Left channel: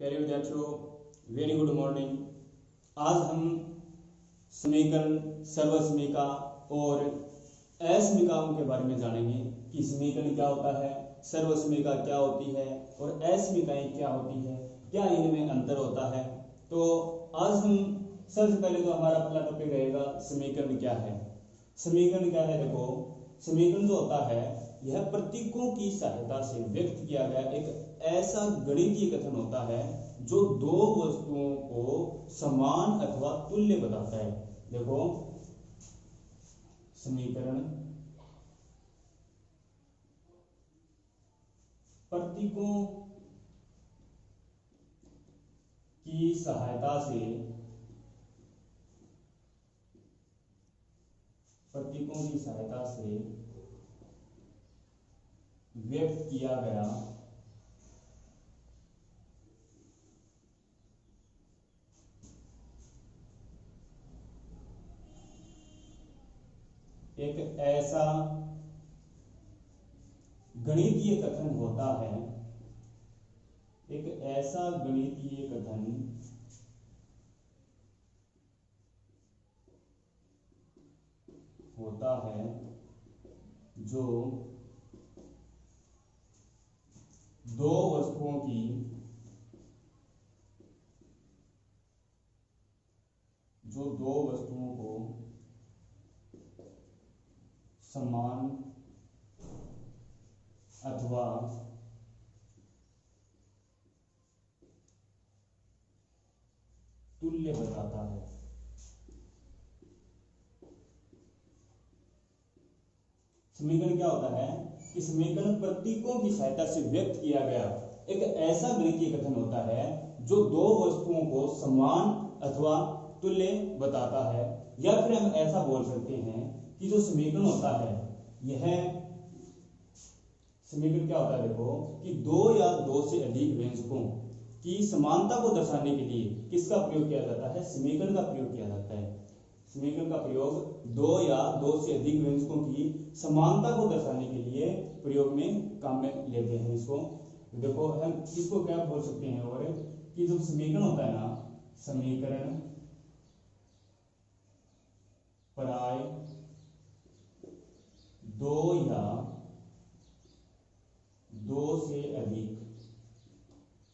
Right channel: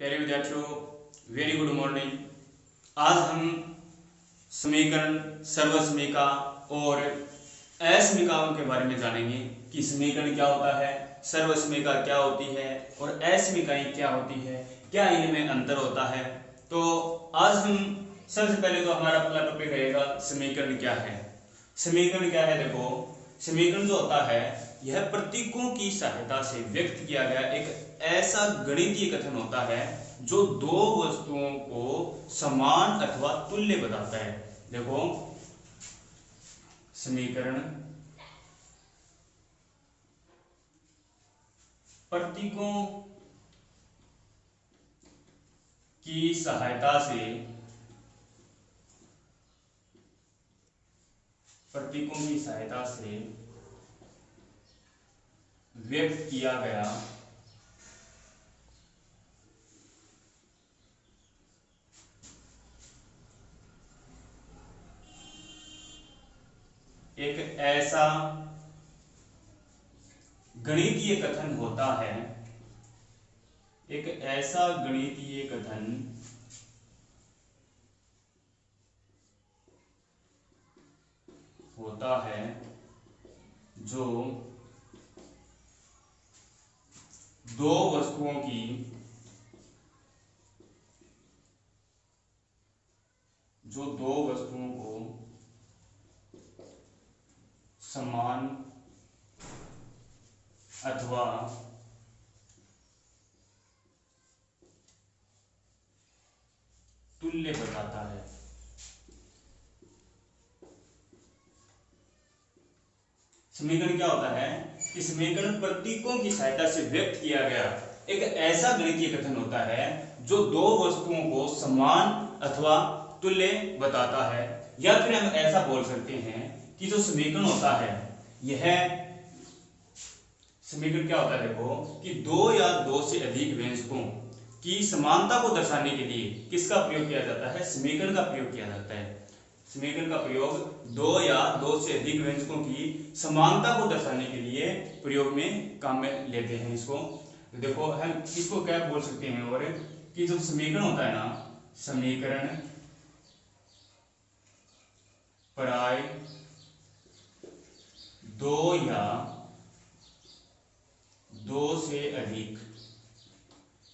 प्यारे विद्यार्थियों, very good morning. आज हम समीकरण, सर्वसमीका और असमीकाओं के बारे में जानेंगे कि समीकरण क्या होता है, सर्वसमीका क्या होती है और असमीकाएं क्या होती है, क्या इनमें अंतर होता है। तो आज हम सबसे पहले तो हमारा पहला टॉपिक रहेगा समीकरण क्या है। समीकरण क्या है, देखो समीकरण जो होता है यह प्रतीकों की सहायता से व्यक्त किया गया एक ऐसा गणितीय कथन होता है जो दो वस्तुओं को समान अथवा तुल्य बताता है। देखो समीकरण प्रतीकों की सहायता से व्यक्त किया गया एक ऐसा गणितीय कथन होता है, एक ऐसा गणितीय कथन होता है जो दो वस्तुओं को समान अथवा तुल्य बताता है। समीकरण क्या होता है कि समीकरण प्रतीकों की सहायता से व्यक्त किया गया एक ऐसा गणितीय कथन होता है जो दो वस्तुओं को समान अथवा तुल्य बताता है। या फिर हम ऐसा बोल सकते हैं कि जो समीकरण होता है, यह समीकरण क्या होता है, देखो कि दो या दो से अधिक व्यंजकों की समानता को दर्शाने के लिए किसका प्रयोग किया जाता है, समीकरण का प्रयोग किया जाता है। समीकरण का प्रयोग दो या दो से अधिक व्यंजकों की समानता को दर्शाने के लिए प्रयोग में काम में लेते हैं इसको। तो देखो हम इसको क्या बोल सकते हैं, और कि जो समीकरण होता है ना, समीकरण प्राय दो या दो से अधिक,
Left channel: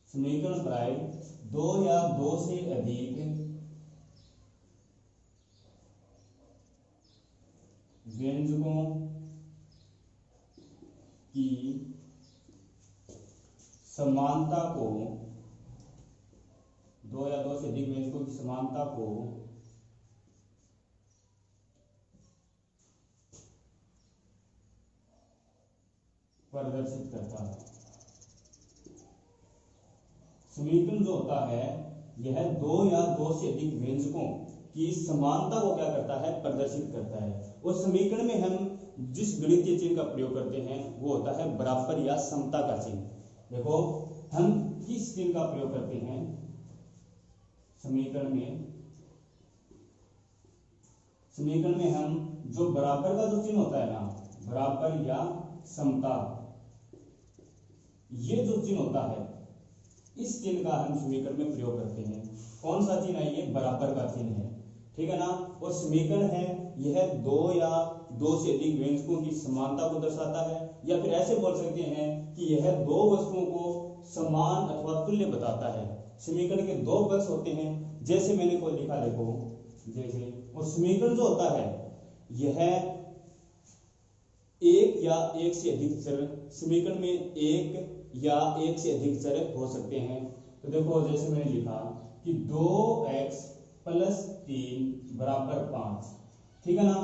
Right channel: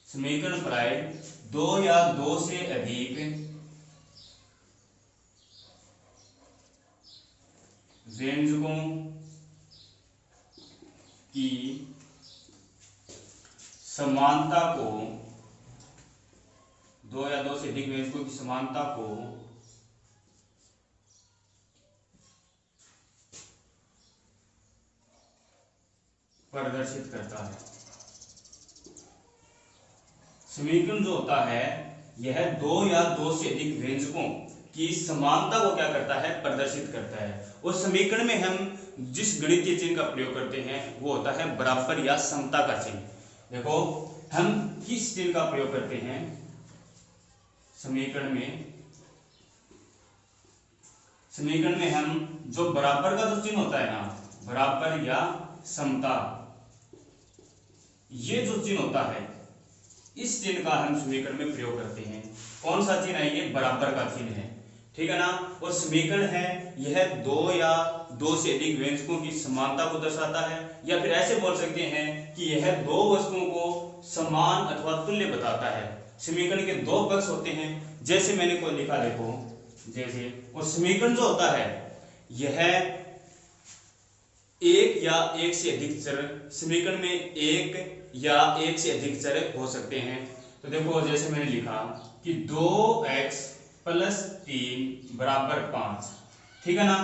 समीकरण प्राय दो या दो से अधिक व्यंजकों की समानता को, दो या दो से अधिक व्यंजकों की समानता को प्रदर्शित करता है। समीकरण जो होता है यह दो या दो से अधिक व्यंजकों की समानता को क्या करता है, प्रदर्शित करता है। उस समीकरण में हम जिस गणितीय चिन्ह का प्रयोग करते हैं वो होता है बराबर या समता का चिन्ह। देखो हम किस चिन्ह का प्रयोग करते हैं समीकरण में हम जो बराबर का जो चिन्ह होता है ना, बराबर या समता, ये जो चिन्ह होता है इस चिन्ह का हम समीकरण में प्रयोग करते हैं। कौन सा चिन्ह है, ये बराबर का चिन्ह है, ठीक है ना। और समीकरण है यह दो या दो से अधिक व्यंजकों की समानता को दर्शाता है, या फिर ऐसे बोल सकते हैं कि यह दो वस्तुओं को समान अथवा तुल्य बताता है। समीकरण के दो पक्ष होते हैं, जैसे मैंने कोई लिखा, देखो जैसे, और समीकरण जो होता है यह एक या एक से अधिक चर, समीकरण में एक या एक से अधिक चर हो सकते हैं। तो देखो जैसे मैंने लिखा कि 2x + 3 = 5, ठीक है ना।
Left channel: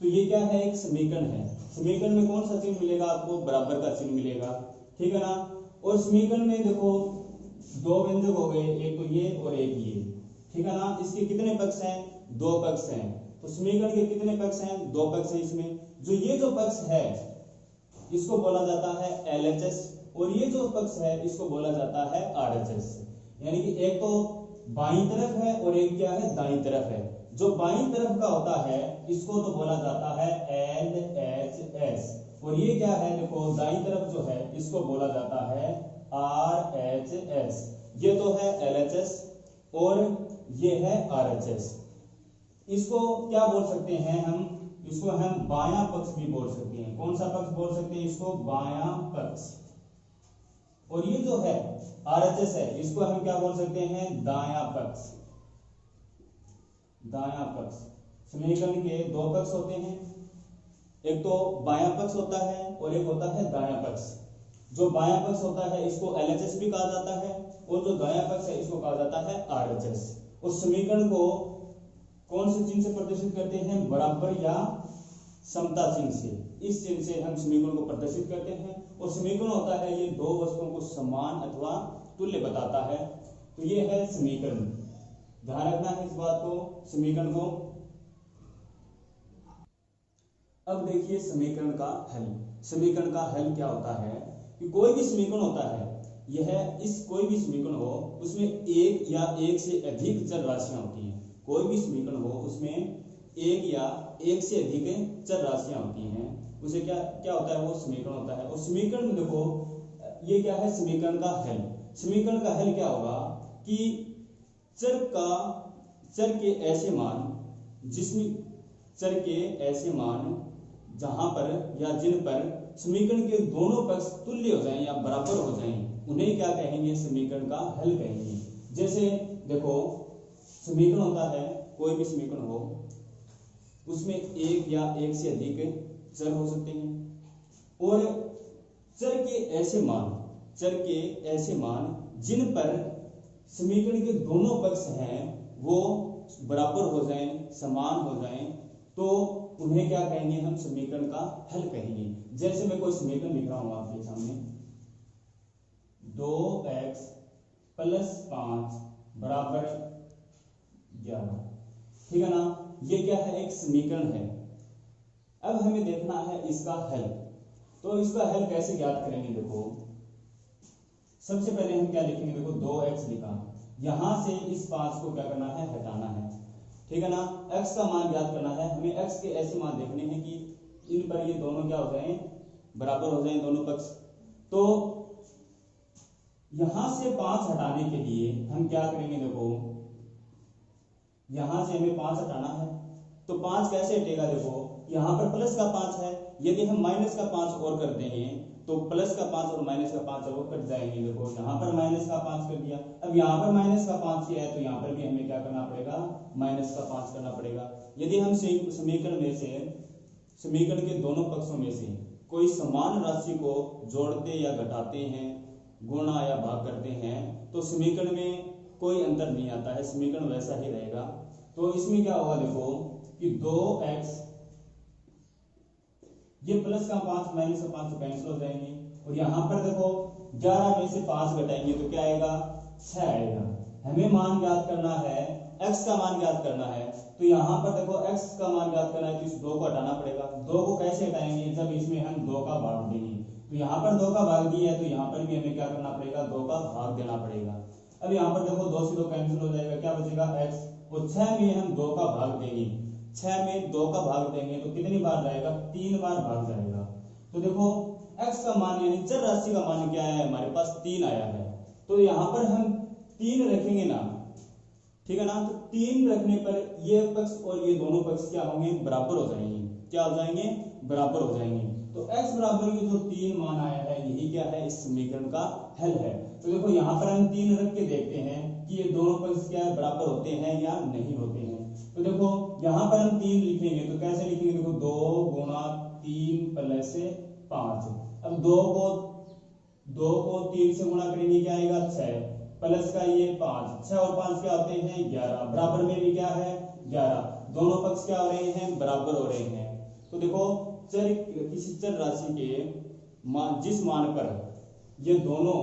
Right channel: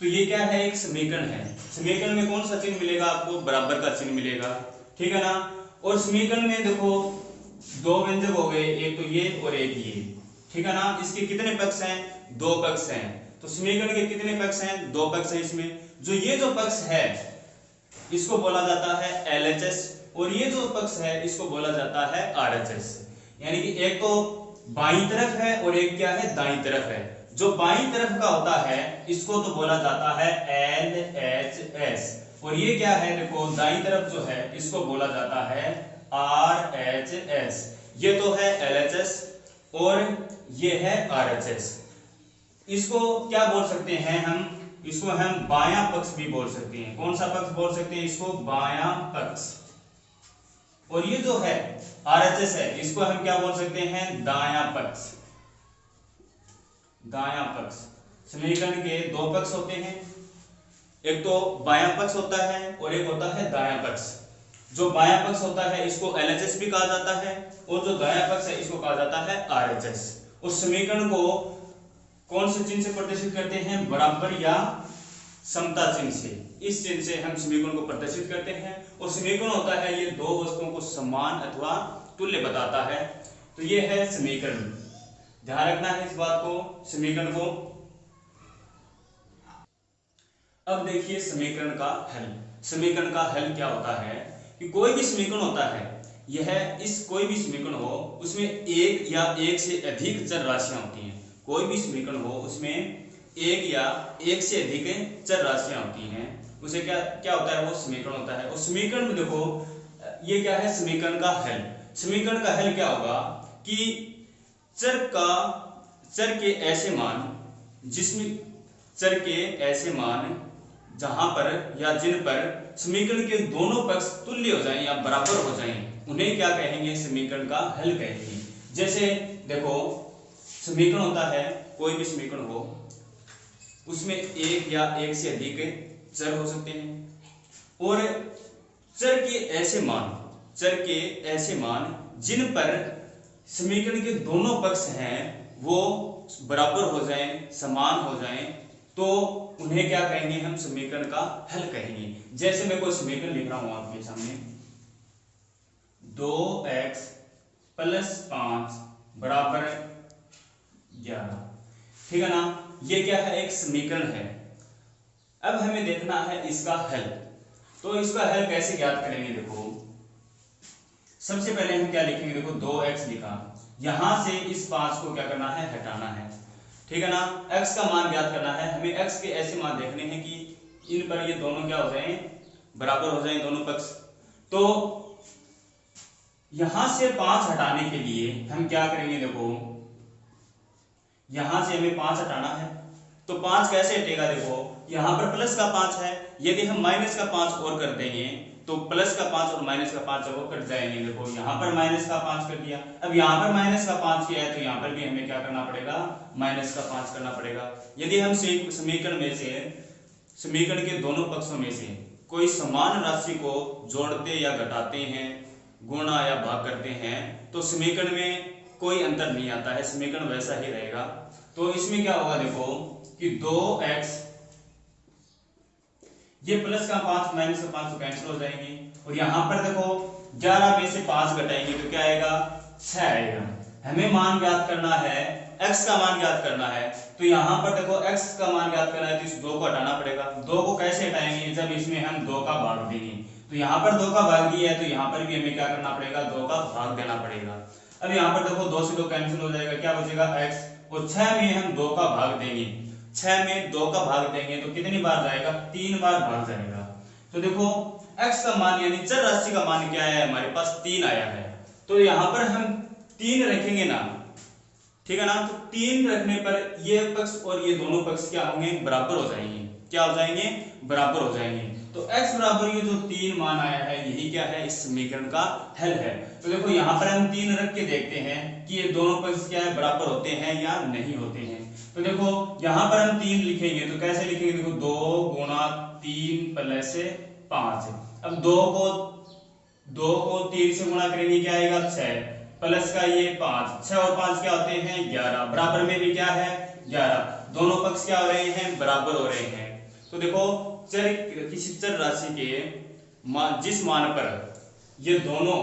तो ये क्या है, एक समीकरण है। समीकरण में कौन सा चिन्ह मिलेगा आपको, बराबर का चिन्ह मिलेगा, ठीक है ना। और समीकरण में देखो दो व्यंजक हो गए, एक तो ये और एक ये, ठीक है ना। इसके कितने पक्ष हैं, दो पक्ष हैं। तो समीकरण के कितने पक्ष हैं, दो पक्ष हैं। इसमें जो ये जो पक्ष है इसको बोला जाता है LHS, और ये जो पक्ष है इसको बोला जाता है RHS। यानी कि एक तो बाईं तरफ है और एक क्या है, दाईं तरफ है। जो बाईं तरफ का होता है इसको तो बोला जाता है LHS, और ये क्या है, देखो दाईं तरफ जो है इसको बोला जाता है RHS, ये तो है LHS और ये है RHS। इसको क्या बोल सकते हैं हम, इसको हम बायां पक्ष भी बोल सकते हैं। कौन सा पक्ष बोल सकते हैं इसको, बायां पक्ष। और ये जो है RHS है, इसको हम क्या बोल सकते हैं, दायां पक्ष। दायां पक्ष, समीकरण के दो पक्ष होते हैं, एक तो बायां पक्ष होता है और एक होता है दायां पक्ष। जो बायां पक्ष होता है इसको LHS भी कहा जाता है और जो दायां पक्ष है इसको कहा जाता है RHS। उस समीकरण को कौन से चिन्ह से प्रदर्शित करते हैं, बराबर या समता चिन्ह से। इस चिन्ह से हम समीकरण को प्रदर्शित करते हैं। और समीकरण होता है ये दो वस्तुओं को समान अथवा तुल्य बताता है। तो ये है समीकरण, ध्यान रखना है इस बात को, समीकरण को। अब देखिए समीकरण का हल। समीकरण का हल क्या होता है कि कोई भी समीकरण होता है, यह इस कोई भी समीकरण हो उसमें एक या एक से अधिक चर राशियां होती हैं। कोई भी समीकरण हो उसमें एक या एक से अधिक चर राशियां होती हैं, उसे क्या क्या होता है, वो समीकरण होता है। और समीकरण में देखो ये क्या है, समीकरण का हल। समीकरण का हल क्या होगा कि चर के ऐसे मान, जिसमें चर के ऐसे मान जहां पर या जिन पर समीकरण के दोनों पक्ष तुल्य हो जाएं या बराबर हो जाएं, उन्हें क्या कहेंगे, समीकरण का हल कहेंगे। जैसे देखो समीकरण होता है, कोई भी समीकरण हो उसमें एक या एक से अधिक चर हो सकते हैं और चर के ऐसे मान जिन पर समीकरण के दोनों पक्ष हैं वो बराबर हो जाएं, समान हो जाएं, तो उन्हें क्या कहेंगे, हम समीकरण का हल कहेंगे। जैसे मैं कोई समीकरण लिख रहा हूं आपके सामने, 2x + 5 बराबर 11, ठीक है ना। ये क्या है, एक समीकरण है। अब हमें देखना है इसका हल। तो इसका हल कैसे ज्ञात करेंगे, देखो सबसे पहले हम क्या लिखेंगे, देखो 2x लिखा, यहां से इस 5 को क्या करना है, हटाना है, ठीक है ना। x का मान ज्ञात करना है हमें। x के ऐसे मान देखने हैं कि इन पर ये दोनों क्या हो जाएं, बराबर हो जाएं दोनों पक्ष। तो यहां से 5 हटाने के लिए हम क्या करेंगे, देखो यहां से हमें 5 हटाना है, तो 5 कैसे हटेगा, देखो यहां पर प्लस का 5 है, यदि हम माइनस का 5 और कर देंगे तो प्लस का 5 और माइनस का 5 वो कट जाएंगे। देखो यहाँ पर माइनस का 5 कर दिया, अब यहाँ पर माइनस का 5 किया है तो यहाँ पर भी हमें क्या करना पड़ेगा, माइनस का 5 करना पड़ेगा। यदि हम समीकरण में से, समीकरण के दोनों पक्षों में से कोई समान राशि को जोड़ते या घटाते हैं, गुणा या भाग करते हैं, तो समीकरण में कोई अंतर नहीं आता है, समीकरण वैसा ही रहेगा। तो इसमें क्या होगा, देखो कि 2x, ये प्लस का 5 माइनस का 5 तो कैंसिल हो जाएंगे, और यहां पर देखो 11 में से 5 घटाएंगे तो क्या आएगा, 6 आएगा। हमें मान ज्ञात करना है, x का मान ज्ञात करना है, तो यहां पर देखो x का मान ज्ञात करना है तो इस 2 को हटाना पड़ेगा। 2 को कैसे हटाएंगे, जब इसमें हम 2 का भाग देंगे, तो यहां पर 2 का भाग दिया है तो यहां पर भी हमें क्या करना पड़ेगा, 2 का भाग देना पड़ेगा। अब यहां पर देखो 2 से 2 कैंसिल हो जाएगा, क्या बचेगा x, और 6 में हम 2 का भाग देंगे, 6 में 2 का भाग देंगे तो कितनी बार जाएगा, 3 बार भाग जाएगा। तो देखो x का मान यानी चर राशि का मान क्या है, हमारे पास 3 आया है, तो यहां पर हम 3 रखेंगे ना, ठीक है ना। तो 3 रखने पर ये पक्ष और ये दोनों पक्ष क्या होंगे, बराबर हो जाएंगे। क्या हो जाएंगे, बराबर हो जाएंगे। तो x बराबर ये जो 3 मान आया है, यही क्या है, इस समीकरण का हल है। तो देखो यहाँ पर हम 3 रख के देखते हैं कि ये दोनों पक्ष क्या है, बराबर होते हैं या नहीं होते हैं। तो देखो यहाँ पर हम 3 लिखेंगे तो कैसे लिखेंगे, देखो 2 गुणा 3 प्लस 5। अब 2 को 3 से गुणा करेंगे क्या आएगा, 6 प्लस का ये 5, 6 और 5 क्या होते हैं, 11, बराबर में भी क्या है, 11, दोनों पक्ष क्या हो रहे हैं, बराबर हो रहे हैं। तो देखो किसी चर राशि के जिस मान पर ये दोनों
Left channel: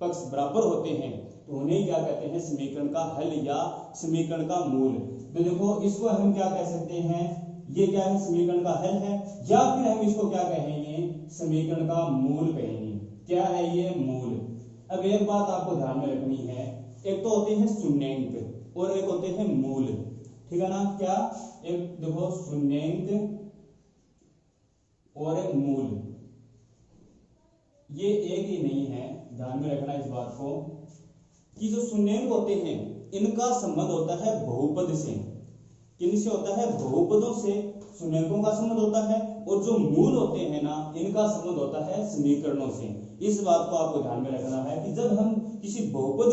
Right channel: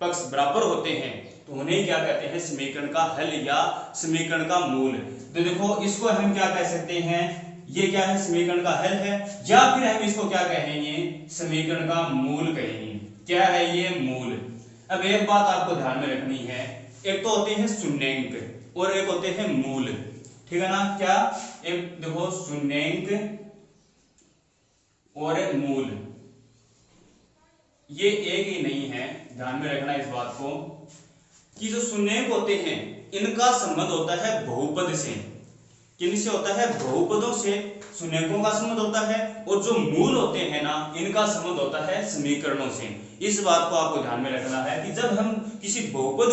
पक्ष बराबर होते हैं तो उन्हें क्या कहते हैं, समीकरण का हल या समीकरण का मूल। तो देखो इसको हम क्या कह सकते हैं, ये क्या है, समीकरण का हल है, या फिर हम इसको क्या कहेंगे, समीकरण का मूल कहेंगे। क्या है ये, मूल। अब एक बात आपको ध्यान में रखनी है, एक तो होते हैं शून्यंक और एक होते हैं मूल, ठीक है ना। क्या, एक देखो शून्यंक और मूल, ये एक ही नहीं है, ध्यान में रखना इस बात को कि जो शून्यक होते हैं इनका संबंध होता है बहुपद से। किनसे होता है? बहुपदों से शून्यकों का संबंध होता है, और जो मूल होते हैं ना इनका संबंध होता है समीकरणों से। इस बात को आपको ध्यान में रखना है कि जब हम किसी बहुपद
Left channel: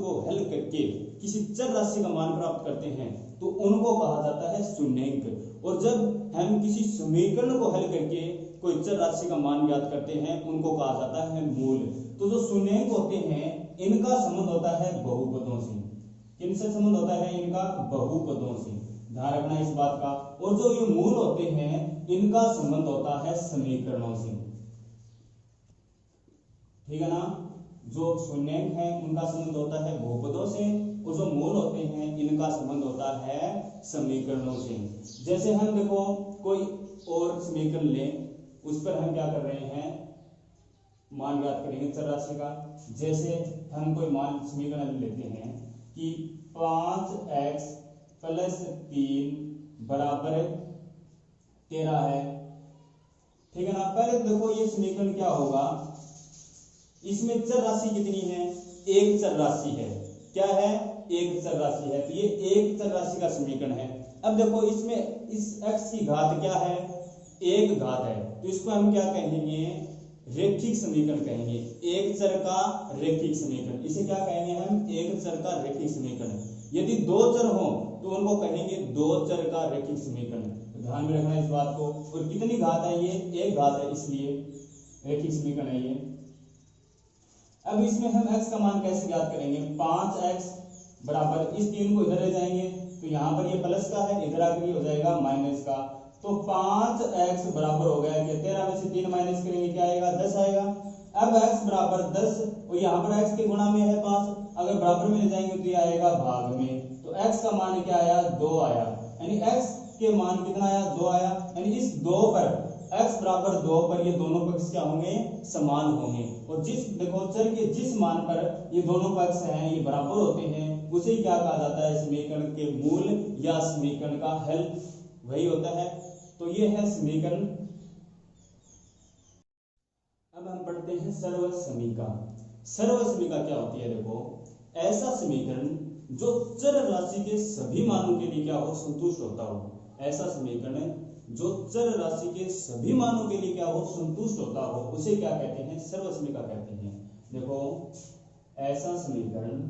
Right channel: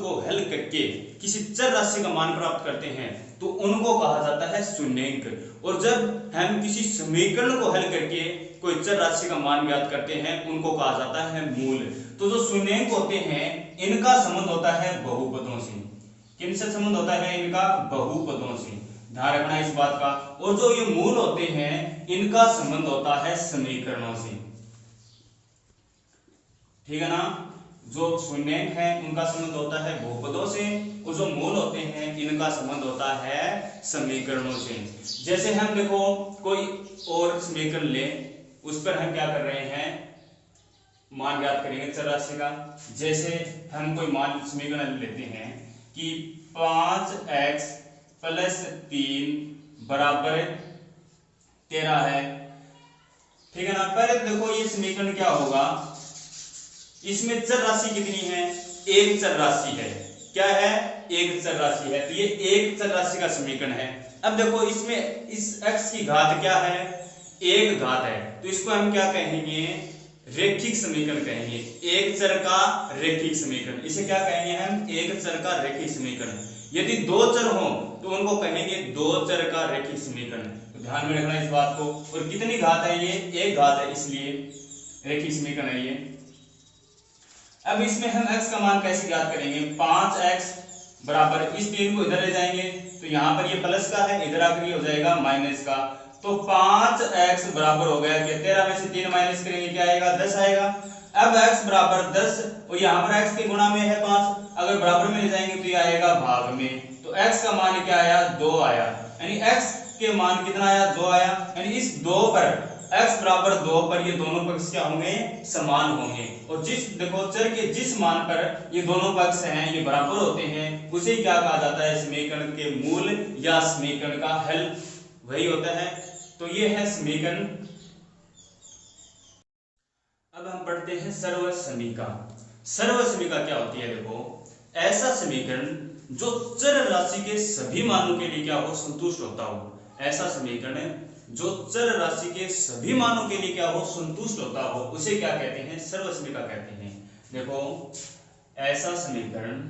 को हल करके किसी चर राशि का मान प्राप्त करते हैं तो उनको कहा जाता है शून्यक, और जब हम किसी समीकरण को हल करके कोई चर राशि का मान ज्ञात करते हैं उनको कहा जाता है मूल। तो जो शून्यक होते हैं इनका संबंध होता है बहुपदों से। किनसे संबंध होता है इनका? बहुपदों से। ध्यान रखना इस बात का। और जो ये मूल होते हैं इनका संबंध होता है समीकरणों से। ठीक है ना? जो शून्यक है उनका संबंध होता है बहुपदों से, और जो मूल होते हैं इनका संबंध होता है समीकरणों से। जैसे हम देखो कोई और समीकरण लें, उस पर हम क्या कर रहे हैं? मान ज्ञात करेंगे चर राशि का। जैसे हम कोई मान समीकरण लेते हैं कि 5x + 3 = 13 है। ठीक है ना? पहले देखो ये समीकरण क्या होगा, इसमें चर राशि कितनी है? एक चर राशि है। क्या है? एक चर राशि है। तो ये एक चर राशि का समीकरण है। अब देखो इसमें इस x की घात क्या है? एक घात है। तो इसको हम क्या कहेंगे? रेखिक समीकरण कहेंगे। एक चर का रेखिक समीकरण, इसे क्या कहेंगे हम? एक चर का रेखिक समीकरण। यदि दो चर हो तो उनको कहेंगे दो चर का रेखिक समीकरण। तो ध्यान में रखना इस बात को। और कितनी घात है ये? एक घात है, इसलिए रेखिक समीकरण है ये। अब इसमें हम x का मान कैसे ज्ञात करेंगे? 5x बराबर, इस 3 को इधर ले जाएंगे तो यहाँ पर ये प्लस का है, इधर आकर ये हो जाएगा माइनस का। तो 5x बराबर हो गया कि 13 में से 3 माइनस करेंगे क्या आएगा? 10 आएगा। अब x बराबर 10, और यहाँ पर x के गुणा में है 5, अगर बराबर में ले जाएंगे तो ये आएगा भाग में। तो x का मान क्या आया? 2 आया। यानी x के मान कितना आया? 2 आया। यानी इस 2 पर x बराबर 2 पर ये दोनों पक्ष क्या होंगे? समान होंगे। और जिस देखो चर के जिस मान पर ये दोनों पक्ष हैं ये बराबर होते हैं उसे क्या कहा जाता है? समीकरण के मूल या समीकरण का हल वही होता है। तो ये है समीकरण। अब हम पढ़ते हैं सर्वसमीका। सर्वसमीका क्या होती है? देखो ऐसा समीकरण जो चर राशि के सभी मानों के लिए क्या हो? संतुष्ट होता हो। ऐसा समीकरण जो चर राशि के सभी मानों के लिए क्या हो? संतुष्ट होता हो, उसे क्या कहते हैं? सर्वसमीका कहते हैं। देखो ऐसा समीकरण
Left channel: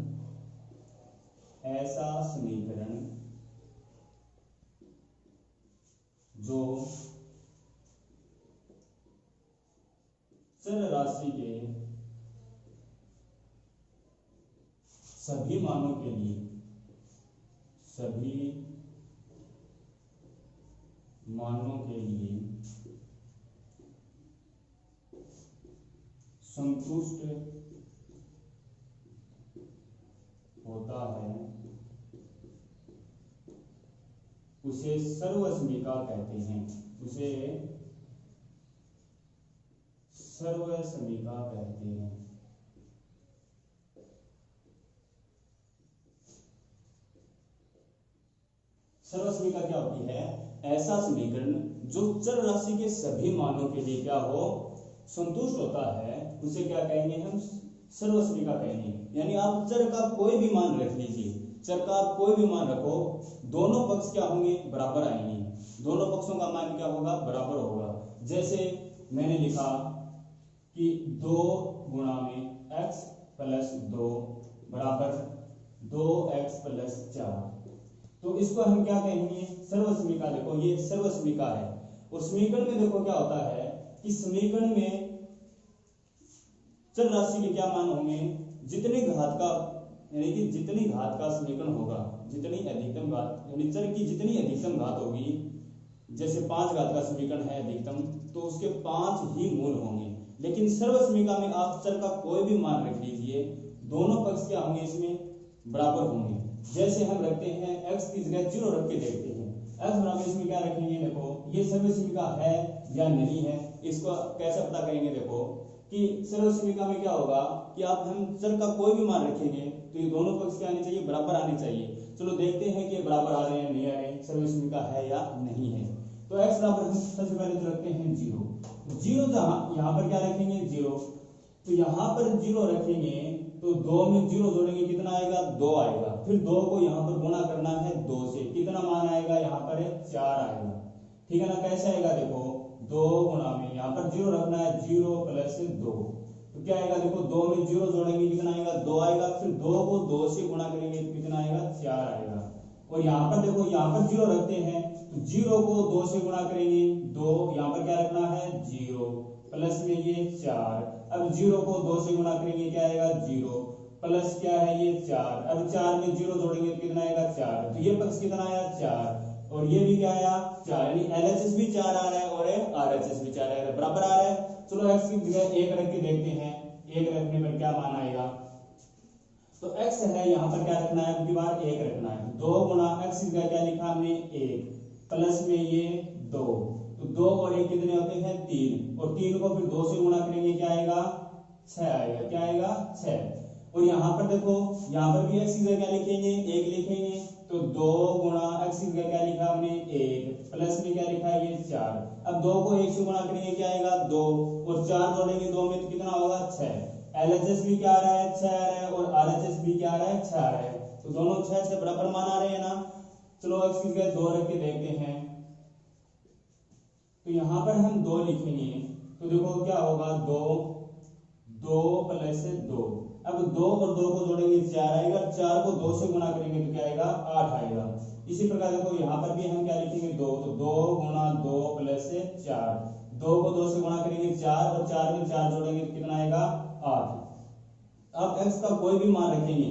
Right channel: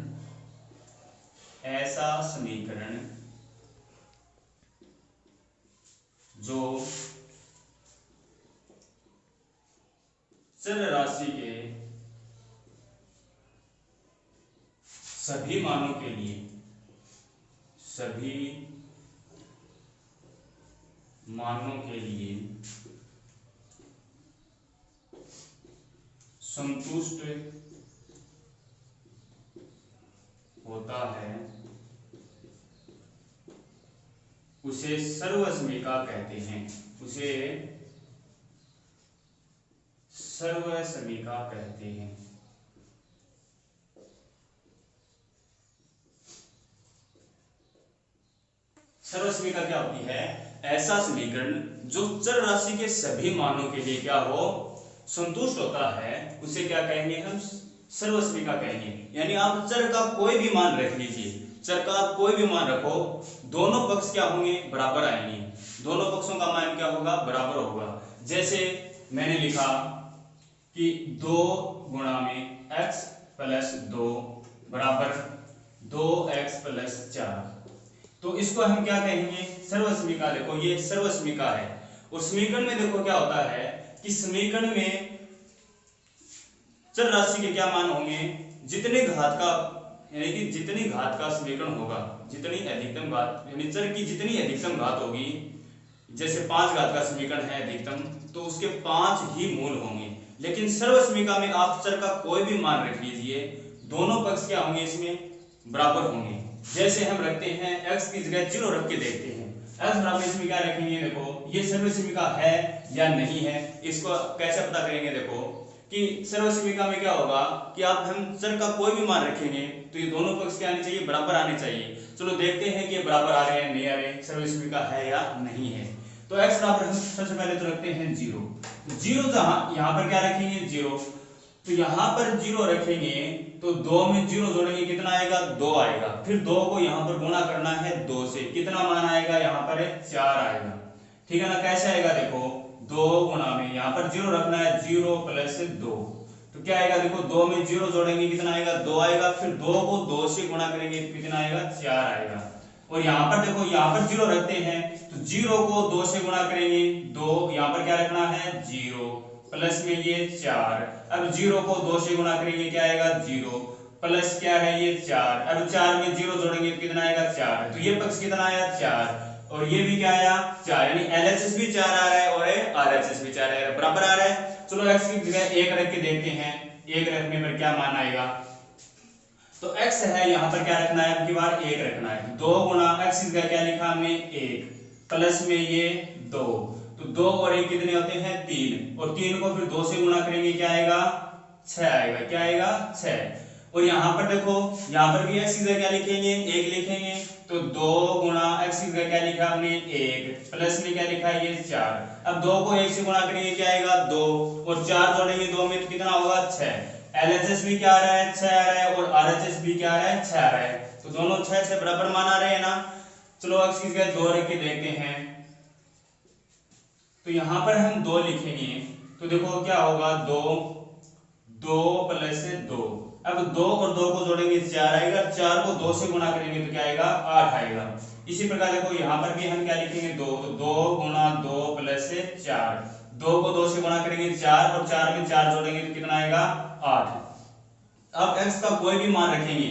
जो चर राशि के सभी मानों के लिए संतुष्ट होता है उसे सर्वसमीका कहते हैं। उसे सर्वसमीका कहते हैं। सर्वसमीका क्या होती है? ऐसा समीकरण जो चर राशि के सभी मानों के लिए क्या हो? संतुष्ट होता है, उसे क्या कहेंगे हम? सर्वसमीका कहेंगे। यानी आप चर का कोई भी मान रख लीजिए, चर का कोई भी मान रखो, दोनों पक्ष क्या होंगे? बराबर आएंगे। दोनों पक्षों का मान क्या होगा? बराबर होगा। जैसे मैंने लिखा कि 2 गुणा में x + 2 बराबर 2x + 4। तो इसको हम क्या कहेंगे? सर्वसमीका। देखो ये सर्वसमीका है। और समीकरण में देखो क्या होता है कि समीकरण में चर राशि के क्या मान होंगे? जितने घात का, यानी कि जितनी घात का समीकरण होगा, जितनी अधिकतम घात, यानी चर की जितनी अधिकतम घात होगी, जैसे 5 घात का समीकरण है अधिकतम, तो उसके 5 ही मूल होंगे। लेकिन सर्वसमीका में आप चर का कोई भी मान रख लीजिए, दोनों पक्ष क्या होंगे? इसमें बराबर होंगे। जैसे हम रखते हैं x की जगह 0 रख के देखते हैं, x बराबर इसमें क्या रखेंगे? देखो ये सर्वसमीका है या नहीं है, इसको कैसे पता करेंगे? देखो कि सर्वसमीका में क्या होगा कि आप हम चर का कोई भी मान रखेंगे तो ये दोनों पक्ष क्या आने चाहिए? बराबर आने चाहिए। चलो देखते हैं कि ये बराबर आ रहे हैं नहीं आ रहे, सर्वसमीका है या नहीं है। तो x बराबर हम सबसे पहले तो रखते हैं 0। जीरो जहां यहां पर क्या रखेंगे 0, तो यहां पर 0 रखेंगे तो 2 में 0 जोड़ेंगे कितना आएगा 2 आएगा। फिर 2 को यहां पर गुणा करना है 2 से, कितना मान आएगा यहां पर 4 आएगा। ठीक है ना, कैसे आएगा देखो 2 गुणा में यहां पर 0 रखना है 0 प्लस 2, तो क्या आएगा देखो 2 में 0 जोड़ेंगे कितना आएगा 2 आएगा। फिर 2 को 2 से गुणा करेंगे कितना आएगा 4 आएगा। और यहाँ पर देखो यहाँ पर 0 रखते हैं तो 0 को 2 से गुणा करेंगे 2, यहाँ पर क्या रखना है 0 प्लस में ये 4। अब 0 को 2 से गुणा करेंगे क्या आएगा 0 प्लस क्या है ये 4। अब 4 में 0 जोड़ेंगे तो कितना आएगा 4, तो ये पक्ष कितना आया 4 और ये भी क्या आया 4, यानी LHS भी 4 आ रहा है और RHS भी 4 आ रहा है, बराबर आ रहा है। चलो x की जगह 1 रख के देखते हैं, 1 रखने पर क्या मान आएगा। तो x है यहाँ पर क्या रखना है, अब की बार 1 रखना है। 2 गुणा x की जगह क्या लिखा हमने 1 प्लस में ये 2, तो 2 और 1 कितने होते हैं 3, और 3 को फिर 2 से गुणा करेंगे क्या आएगा 6 आएगा। क्या आएगा 6। और यहाँ पर देखो यहाँ पर भी x की जगह क्या लिखेंगे 1 लिखेंगे, तो 2 गुणा x की जगह क्या लिखा हमने 1 प्लस में क्या लिखा है ये 4। अब 2 को 1 से गुणा करेंगे क्या आएगा 2, और 4 जोड़ेंगे 2 में तो कितना होगा 6। LHS भी क्या आ रहा है 6 आ रहा है, और RHS भी क्या आ रहा है 6 आ रहा है, तो दोनों 6 से बराबर मान आ रहे हैं ना। चलो x की जगह 2 रख के देखते हैं, तो यहाँ पर हम 2 लिखेंगे तो देखो क्या होगा 2 प्लस 2। अब 2 और 2 को जोड़ेंगे 4 आएगा, 4 को 2 से गुणा करेंगे तो क्या आएगा 8 आएगा। इसी प्रकार देखो यहाँ पर भी हम क्या लिखेंगे 2, तो 2 गुणा 2 प्लस 4, 2 को 2 से गुणा करेंगे 4, और 4 में 4 जोड़ेंगे तो कितना आएगा 8। अब x का कोई भी मान रखेंगे,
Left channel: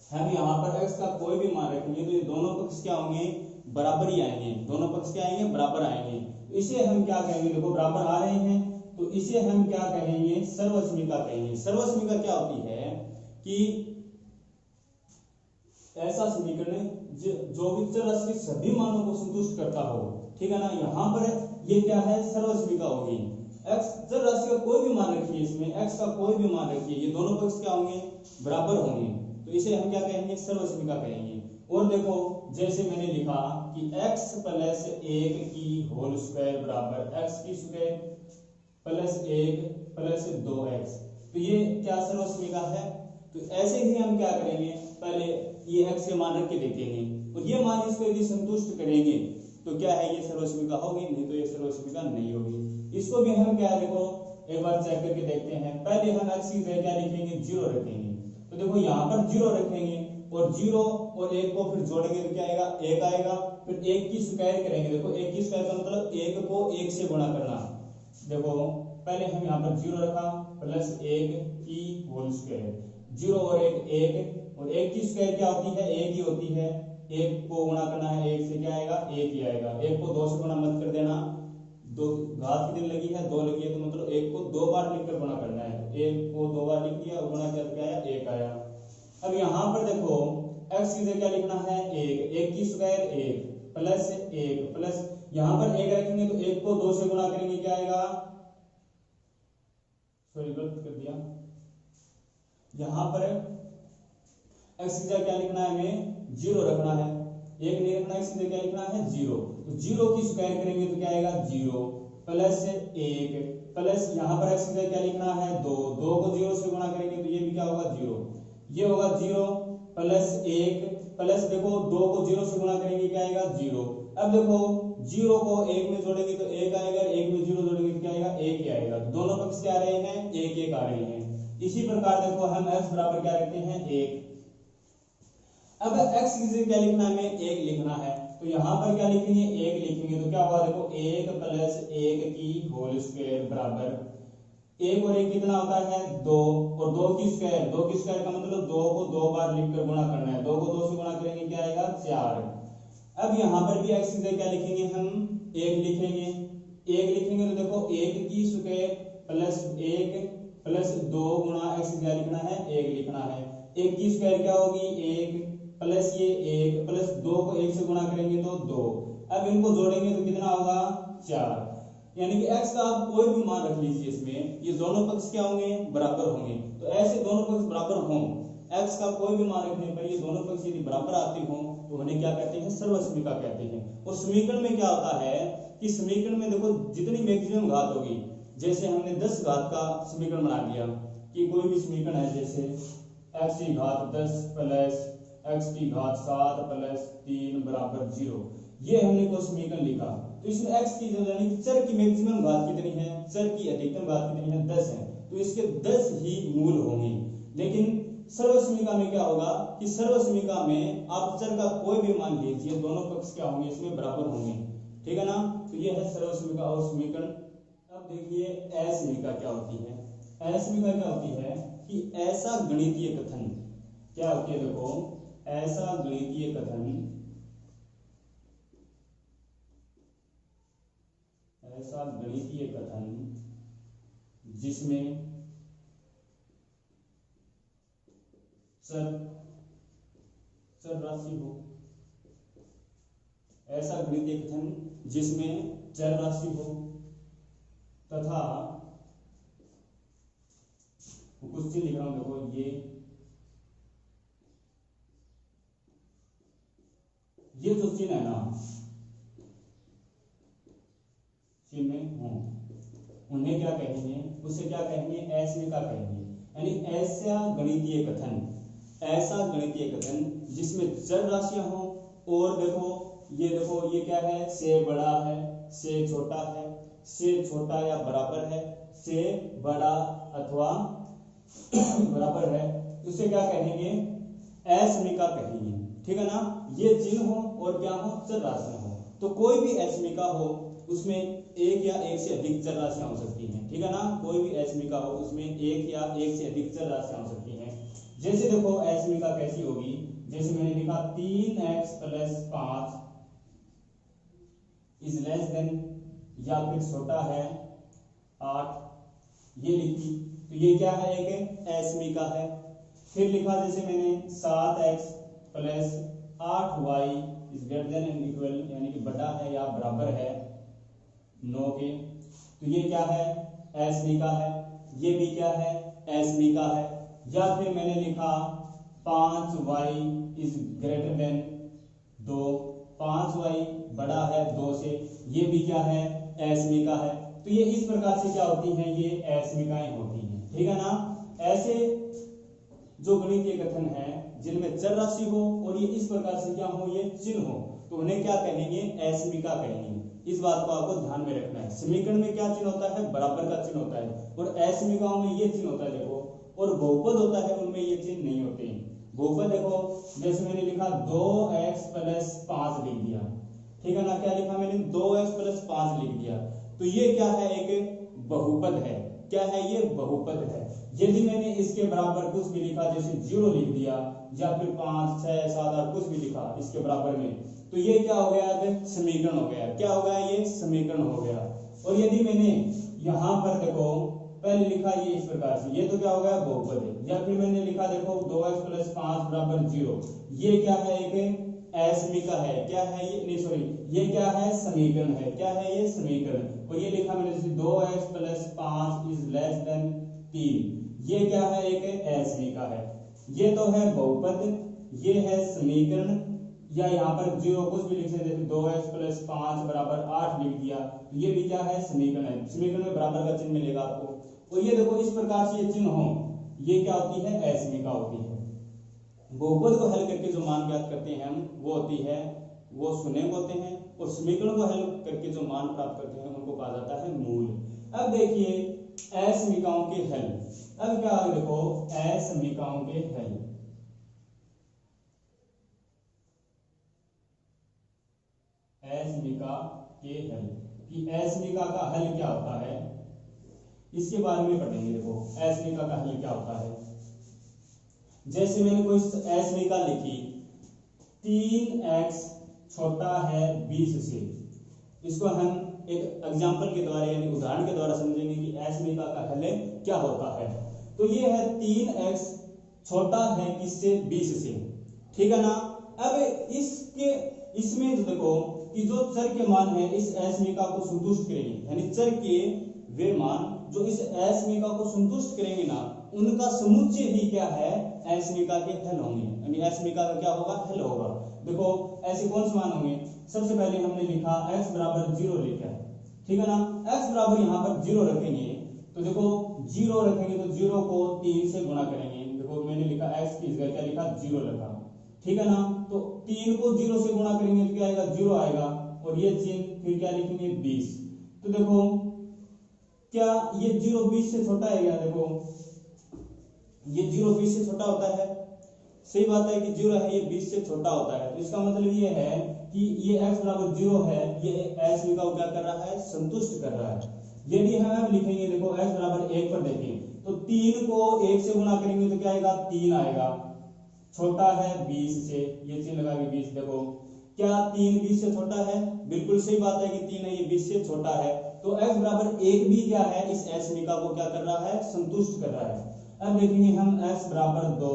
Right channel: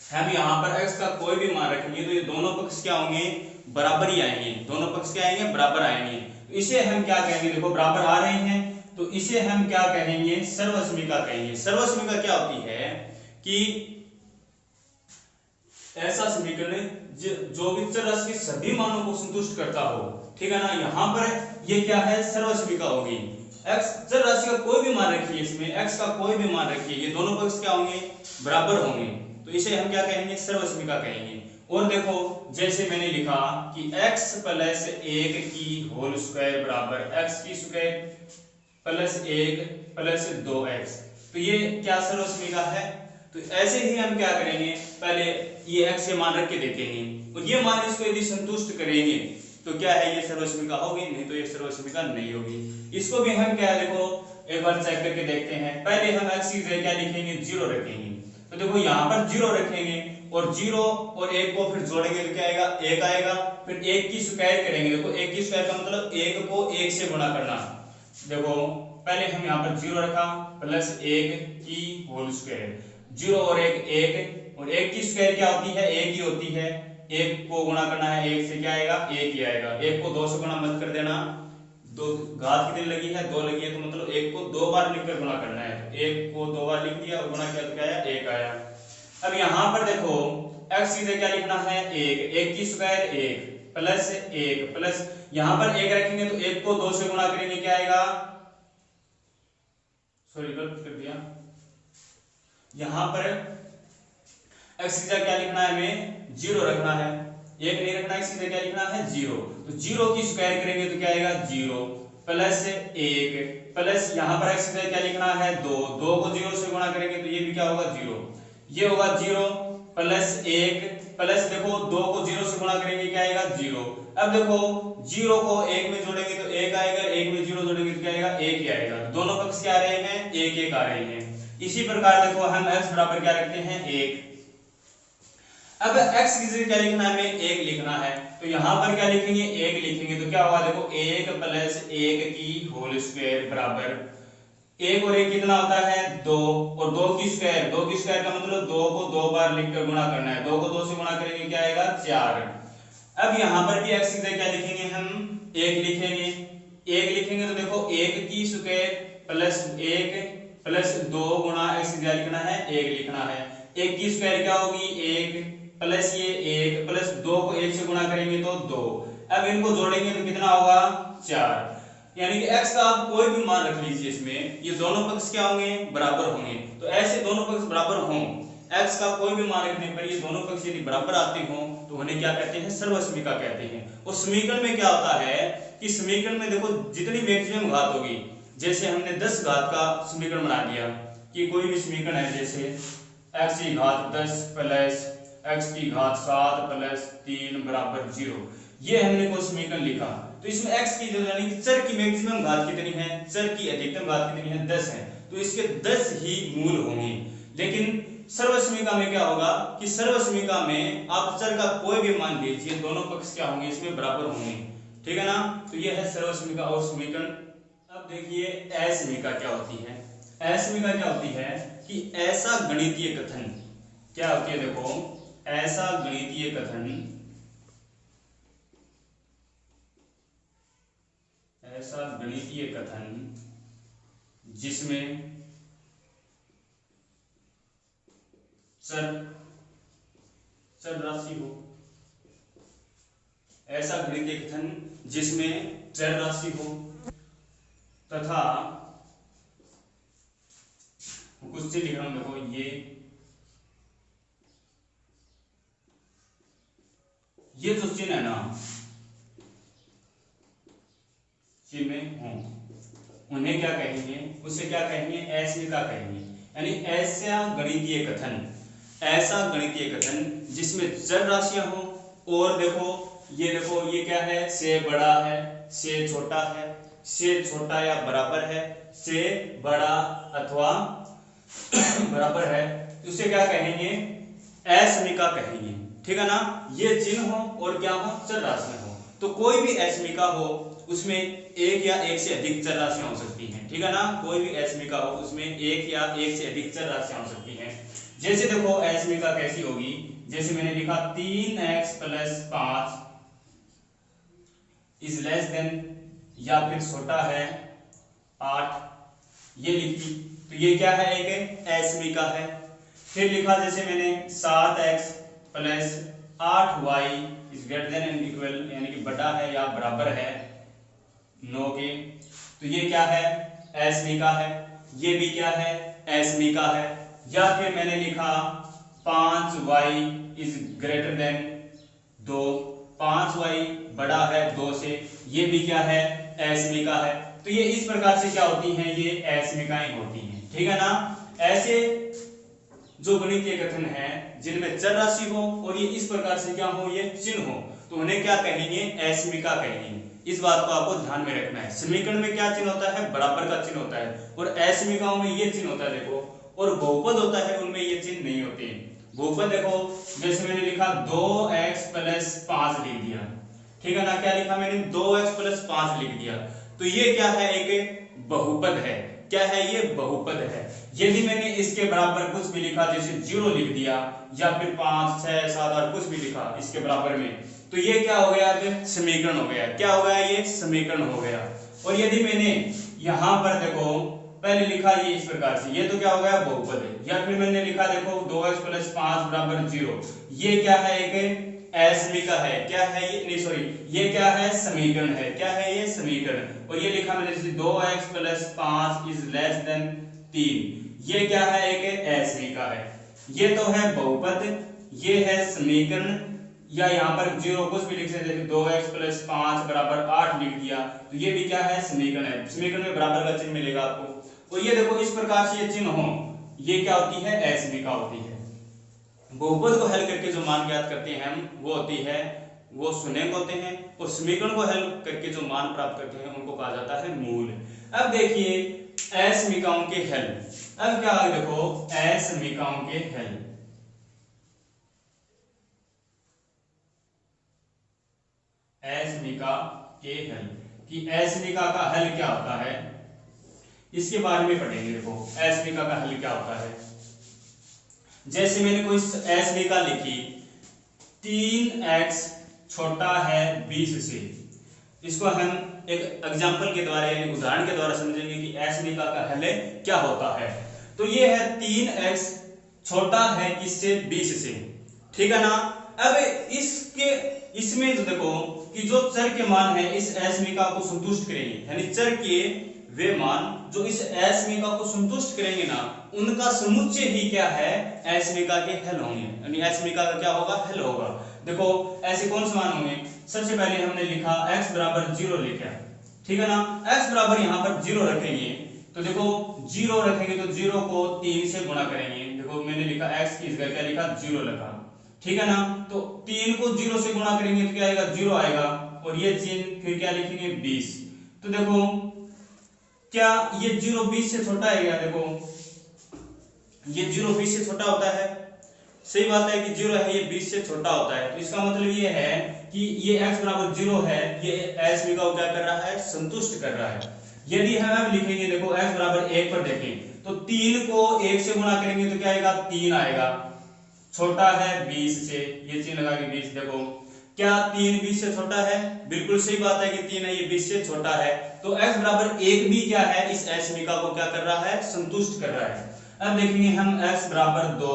हम यहाँ पर x का कोई भी मान रखेंगे तो ये दोनों पक्ष क्या होंगे बराबर ही आएंगे, दोनों पक्ष क्या आएंगे बराबर आएंगे। तो इसे हम क्या कहेंगे, देखो बराबर आ रहे हैं तो इसे हम क्या कहेंगे सर्वसमीका कहेंगे। सर्वसमीका क्या होती है कि ऐसा समीकरण जो भी चर राशि के सभी मानों को संतुष्ट करता हो। ठीक है ना, यहाँ पर ये क्या है सर्वसमीका होगी। x चर राशि का कोई भी मान रखिए, इसमें x का कोई भी मान रखिए, ये दोनों पक्ष क्या होंगे बराबर होंगे, तो इसे हम क्या कहेंगे सर्वसमीका कहेंगे। और देखो जैसे मैंने लिखा कि x प्लस 1 की होल स्क्वायर बराबर x की स्क्वायर प्लस 1 प्लस 2x, तो ये क्या सर्वसमीका है। तो ऐसे ही हम क्या करेंगे, पहले ये x के मान रख के देखेंगे और ये मान इसको यदि संतुष्ट करेंगे तो क्या है ये सर्वसमीका होगी, नहीं तो ये सर्वसमीका नहीं होगी। इसको भी हम क्या देखो एक बार चेक करके देखते हैं। पहले हम x की जगह क्या लिखेंगे 0 रखेंगे, तो देखो यहाँ पर 0 रखेंगे और 0 और 1 को फिर जोड़ेंगे तो क्या आएगा 1 आएगा। फिर 1 की स्क्वायर करेंगे, देखो 1 की स्क्वायर का मतलब 1 को 1 से गुणा करना। देखो पहले हम यहाँ पर 0 रखा प्लस 1 की होल स्क्वायर, 0 और 1 1, और 1 की स्क्वायर क्या होती है 1 ही होती है। 1 को गुणा करना है 1 से क्या आएगा 1 ही आएगा। 1 को 2 से गुणा मत कर देना, 2 घात कितनी लगी है 2 लगी है, तो मतलब 1 को 2 बार लिखकर गुणा करना है। 1 को 2 बार लिख दिया और गुणा किया तो क्या आया 1 आया। अब यहाँ पर देखो x की जगह क्या लिखना है 1 की स्क्वायर 1 प्लस 1 प्लस यहाँ पर 1 रखेंगे तो 1 को 2 से गुणा करेंगे क्या आएगा, सॉरी गलत कर दिया, यहाँ पर x की जगह क्या लिखना है हमें 0 रखना है, 1 नहीं रखना, x की जगह क्या लिखना है 0, तो 0 की स्क्वायर करेंगे तो क्या आएगा 0 प्लस 1 प्लस यहाँ पर x की जगह क्या लिखना है 2, 2 को 0 से गुणा करेंगे तो ये भी क्या होगा 0, ये होगा 0 प्लस 1 प्लस देखो 2 को 0 से गुणा करेंगे क्या आएगा 0। अब देखो 0 को 1 में जोड़ेंगे तो 1 आएगा, 1 में 0 जोड़ेंगे तो क्या आएगा 1 ही आएगा। तो दोनों पक्ष क्या आ रहे हैं 1 1 आ रहे हैं। इसी प्रकार देखो हम x बराबर क्या रखते हैं 1। अब x की जगह क्या लिखना है हमें 1 लिखना है, तो यहाँ पर क्या लिखेंगे 1 लिखेंगे तो क्या होगा देखो 1 प्लस 1 की होल स्क्वायर बराबर 1 और 1 कितना होता है 2, और 2 की स्क्वायर, 2 की स्क्वायर का मतलब 2 को 2 बार लिखकर गुणा करना है, 2 को 2 से गुणा करेंगे क्या आएगा 4। अब यहाँ पर भी x की जगह क्या लिखेंगे हम 1 लिखेंगे, 1 लिखेंगे तो देखो 1 की स्क्वायर प्लस 1 प्लस 2 गुणा x की जगह लिखना है 1 लिखना है। 1 की स्क्वायर क्या होगी 1 प्लस ये 1 प्लस 2 को 1 से गुणा करेंगे तो 2, अब इनको जोड़ेंगे तो कितना होगा 4। यानी कि x का आप कोई भी मान रख लीजिए, इसमें ये दोनों पक्ष क्या होंगे बराबर होंगे। तो ऐसे दोनों पक्ष बराबर हों x का कोई भी मान रखने पर ये दोनों पक्ष यदि बराबर आते हो तो उन्हें क्या कहते हैं, सर्वसमीका कहते हैं। और समीकरण में क्या होता है कि समीकरण में देखो जितनी मैक्सिमम घात होगी, जैसे हमने 10 घात का समीकरण बना दिया कि कोई भी समीकरण है, जैसे x की घात 10 प्लस x की घात 7 प्लस 3 बराबर 0, ये हमने कोई समीकरण लिखा, तो इसमें x की जो यानी चर की मैक्सिमम घात कितनी है, चर की अधिकतम घात कितनी है, 10 है, तो इसके 10 ही मूल होंगे। लेकिन सर्वसमीका में क्या होगा कि सर्वसमीका में आप चर का कोई भी मान लीजिए, दोनों पक्ष क्या होंगे, इसमें बराबर होंगे, ठीक है ना। तो ये है सर्वसमीका और समीकरण। अब देखिए असमीका क्या होती है। असमीका क्या होती है कि ऐसा गणितीय कथन क्या होती है, देखो ऐसा गणितीय कथन, ऐसा गणितीय कथन जिसमें चर राशि हो, ऐसा गणितीय कथन जिसमें चर राशि हो तथा कुछ से लिख रहा हूं, देखो ये जो चिन्ह है ना, चिन्ह हो, उन्हें क्या कहेंगे, उसे क्या कहेंगे, असमीका कहेंगे। यानी ऐसा गणितीय कथन, ऐसा गणितीय कथन जिसमें चर राशियां हो, और देखो ये क्या है, से बड़ा है, से छोटा है, से छोटा या बराबर है, से बड़ा अथवा बराबर है, तो उसे क्या कहेंगे, असमीका कहेंगे, ठीक है ना। ये चिन्ह हो और क्या हो, चर राशियां हो, तो कोई भी असमीका हो उसमें एक या एक से अधिक चर राशियां हो सकती हैं, ठीक है ना। कोई भी असमीका हो उसमें एक या एक से अधिक चर राशियां हो सकती हैं। जैसे देखो असमीका कैसी होगी, जैसे मैंने लिखा 3x + 5 इज लेस देन या फिर छोटा है 8, ये लिखी, तो ये क्या है, एक असमीका है। फिर लिखा जैसे मैंने 7x + 8y is greater than and equal, यानी कि बड़ा है या बराबर है 9 के, तो ये क्या है, असमीका है। ये भी क्या है, असमीका है। या फिर मैंने लिखा 5y is greater than 2, 5y बड़ा है 2 से, ये भी क्या है, असमीका है। तो ये इस प्रकार से क्या होती हैं, ये असमीकाएं होती हैं, ठीक है ना। ऐसे जो गणितीय कथन है जिनमें चर राशि हो और ये इस प्रकार से क्या हो, ये चिन्ह हो, तो उन्हें क्या कहेंगे, असमीका कहेंगे। इस बात को आपको ध्यान में रखना है। समीकरण में क्या चिन्ह होता है, बराबर का चिन्ह होता है, और असमीकाओं में ये चिन्ह होता है, देखो। और बहुपद होता है, उनमें ये चिन्ह नहीं होते। बहुपद देखो, जैसे मैंने लिखा 2x + 5 लिख दिया, ठीक है ना। क्या लिखा मैंने, 2x + 5 लिख दिया, तो ये क्या है, एक बहुपद है। क्या है, ये बहुपद है। यदि मैंने इसके बराबर कुछ भी लिखा, जैसे 0 लिख दिया, या फिर 5, 6, 7 और कुछ भी लिखा इसके बराबर में, तो ये क्या हो गया, अब समीकरण हो गया। क्या हो गया, ये समीकरण हो गया। और यदि मैंने यहां पर देखो पहले लिखा ये इस प्रकार से, ये तो क्या हो गया, बहुपद है। या फिर मैंने लिखा देखो 2x + 5 = 0, ये क्या है, एक असमीका है। क्या है ये, नहीं सॉरी, ये क्या है, समीकरण है। क्या है, ये समीकरण। और ये लिखा मैंने जैसे 2x + 5 इज लेस देन 3, ये क्या है, एक असमीका है। ये तो है बहुपद, ये है समीकरण, या यहाँ पर 0 कुछ भी लिख सकते, जैसे 2x + 5 = 8 लिख दिया, तो ये भी क्या है, समीकरण है। समीकरण में बराबर का चिन्ह मिलेगा आपको। और ये देखो इस प्रकार से ये चिन्ह हो, ये क्या होती है, असमीका होती है। बहुपद को हल करके जो मान ज्ञात करते हैं हम, वो होती है, वो शून्यक होते हैं। और समीकरण को हल करके जो मान प्राप्त करते हैं उनको कहा जाता है मूल। अब देखिए असमीकाओं के हल। अब क्या है, देखो असमीकाओं के हल। असमीका के हल, कि असमीका का हल क्या होता है, इसके बारे में पढ़ेंगे। देखो असमीका का हल क्या होता है। जैसे मैंने कोई असमीका लिखी, 3x छोटा है 20 से, इसको हम एक एग्जांपल के द्वारा यानी उदाहरण के द्वारा समझेंगे कि असमीका का हल क्या होता है। तो ये है 3x छोटा है किससे, 20 से, ठीक है ना। अब इसमें तो देखो कि जो चर के मान है इस असमीका को संतुष्ट करेंगे, यानी चर के वे मान जो इस असमीका को संतुष्ट करेंगे ना, उनका समुच्चय ही क्या है, असमीका के हल होंगे, यानी असमीका का क्या होगा, हल होगा। देखो ऐसे कौन से मान होंगे, सबसे पहले हमने लिखा x बराबर 0 लिखा, ठीक है ना, x बराबर यहाँ पर 0 रखेंगे, तो देखो 0 रखेंगे तो 0 को 3 से गुणा करेंगे, देखो मैंने लिखा x की जगह क्या लिखा, 0 लिखा, ठीक है ना, तो 3 को 0 से गुणा करेंगे तो क्या आएगा, 0 आएगा, और ये चिन्ह फिर क्या लिखेंगे, 20। तो देखो क्या ये 0 20 से छोटा है क्या, देखो ये 0 20 से छोटा होता है, सही बात है कि 0 है ये 20 से छोटा होता है, तो इसका मतलब ये है कि ये x बराबर 0 है, ये असमीका को क्या कर रहा है, संतुष्ट कर रहा है। यदि हम लिखेंगे, देखो x बराबर 1 पर देखें तो 3 को 1 से गुणा करेंगे तो क्या आएगा, 3 आएगा, छोटा है 20 से, ये चिन्ह लगा के 20, देखो क्या 3 20 से छोटा है, बिल्कुल सही बात है कि 3 है ये 20 से छोटा है, तो x बराबर 1 भी क्या है, इस असमीका को क्या कर रहा है, संतुष्ट कर रहा है। अब देखेंगे हम x बराबर 2,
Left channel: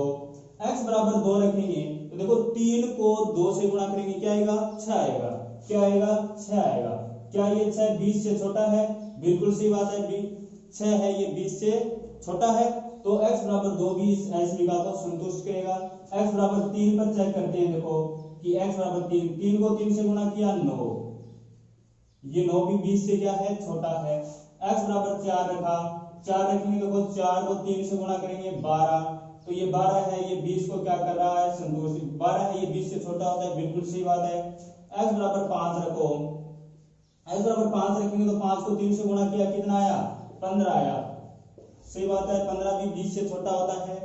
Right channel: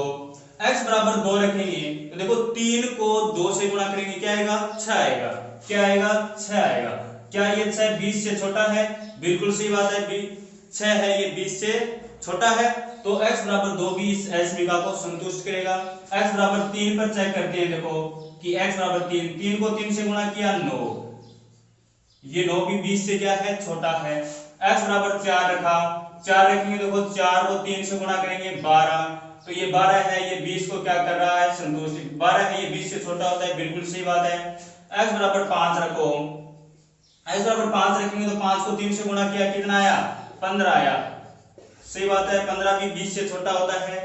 x बराबर 2 रखेंगे तो देखो 3 को 2 से गुणा करेंगे क्या आएगा, 6 आएगा, क्या आएगा, 6 आएगा, क्या ये 6 20 से छोटा है, बिल्कुल सही बात है, 6 है ये 20 से छोटा है, तो x बराबर 2 भी इस असमीका को संतुष्ट करेगा। x बराबर 3 पर चेक करते हैं, देखो कि x बराबर 3, 3 को 3 से गुणा किया 9, ये 9 भी 20 से क्या है, छोटा है। x बराबर 4 रखा, 4 रखेंगे, देखो 4 को 3 से गुणा करेंगे 12, तो ये 12 है ये 20 को क्या कर रहा है, संतुष्ट, 12 है ये 20 से छोटा होता है, बिल्कुल सही बात है। x बराबर 5 रखो, x बराबर 5 रखेंगे तो 5 को 3 से गुणा किया कितना आया, 15 आया, सही बात है, 15 भी 20 से छोटा होता है।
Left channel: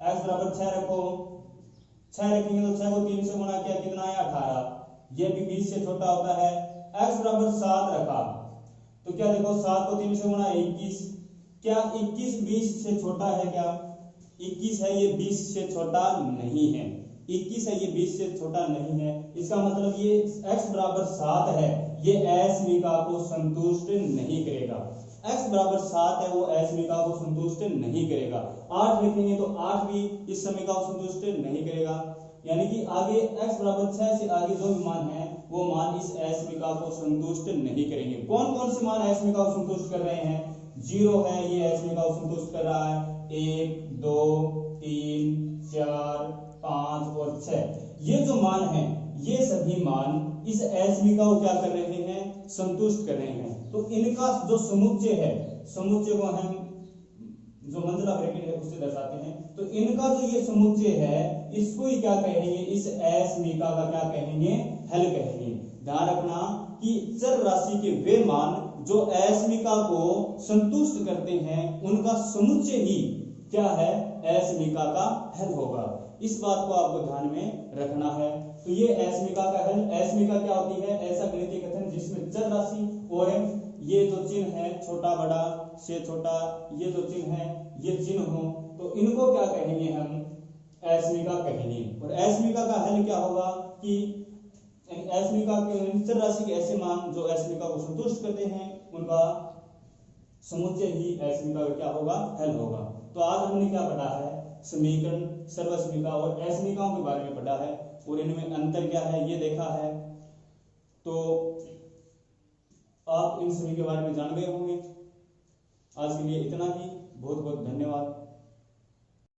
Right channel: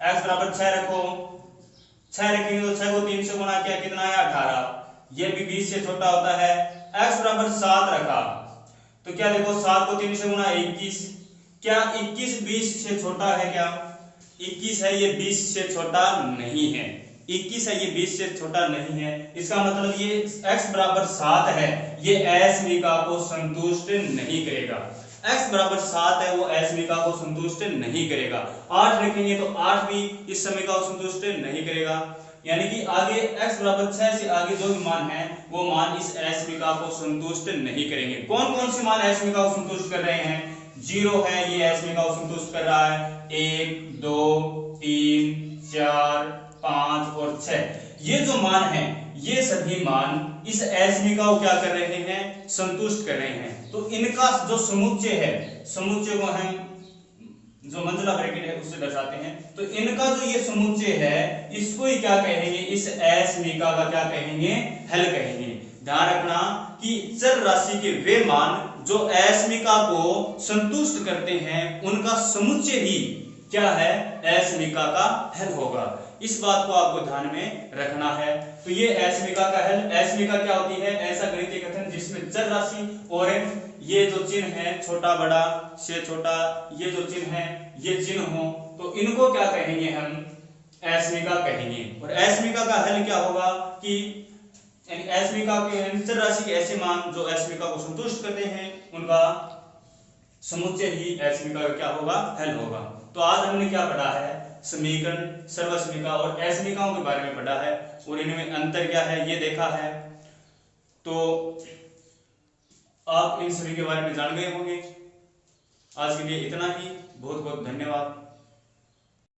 x बराबर 6 रखो, 6 रखेंगे तो 6 को 3 से गुणा किया कितना आया, 18, ये भी 20 से छोटा होता है। x बराबर 7 रखा, तो क्या देखो 7 को 3 से गुणा 21, क्या 21 20 से छोटा है, क्या 21 है ये 20 से छोटा नहीं है, 21 है ये 20 से छोटा नहीं है, इसका मतलब ये x बराबर 7 है, ये असमीका को संतुष्ट नहीं करेगा, x बराबर 7 है वो असमीका को संतुष्ट नहीं करेगा। 8 रखेंगे तो 8 भी इस समीका को संतुष्ट नहीं करेगा, यानी कि आगे x बराबर 6 से आगे जो भी मान है वो मान इस असमीका को संतुष्ट नहीं करेंगे। कौन कौन से मान असमीका को संतुष्ट कर रहे हैं, 0 है ये असमीका को संतुष्ट कर रहा है, 1 2 3 4 5 और 6, ये जो मान है ये सभी मान इस असमीका को क्या कर रहे हैं, संतुष्ट कर रहे हैं। तो इनका जो समुच्चय है, समुच्चय को हम जो मंजिला ब्रैकेट है उससे दर्शाते हैं, तो इनका जो ये समुच्चय है इसको ही क्या कहेंगे, इस असमीका का क्या कहेंगे, हल कहेंगे। ध्यान रखना कि चर राशि के वे मान जो असमीका को संतुष्ट करते हैं उनका समुच्चय ही क्या है, असमीका का हल होगा, इस बात को आपको ध्यान में रखना है। तो ये असमीका का हल, असमीका क्या होती है, ऐसा गणितीय कथन जिसमें चर राशि और ये जो चिन्ह है छोटा बड़ा से छोटा, ये जो चिन्ह है ये चिन्ह हो, तो इनको क्या कहेंगे, हम असमीका कहेंगे। और असमीका का हल क्या होगा कि असमीका के चर राशि के ऐसे मान जो असमीका को संतुष्ट करते हैं उनका समुच्चय ही असमीका का क्या होगा, हल होगा। तो आज हमने क्या पढ़ा है, समीकरण, सर्वसमीका और असमीकाओं के बारे में पढ़ा है, और इनमें अंतर क्या है ये देखा है। तो आप इन सभी के बारे में जान गए होंगे। आज के लिए इतना ही, बहुत बहुत धन्यवाद।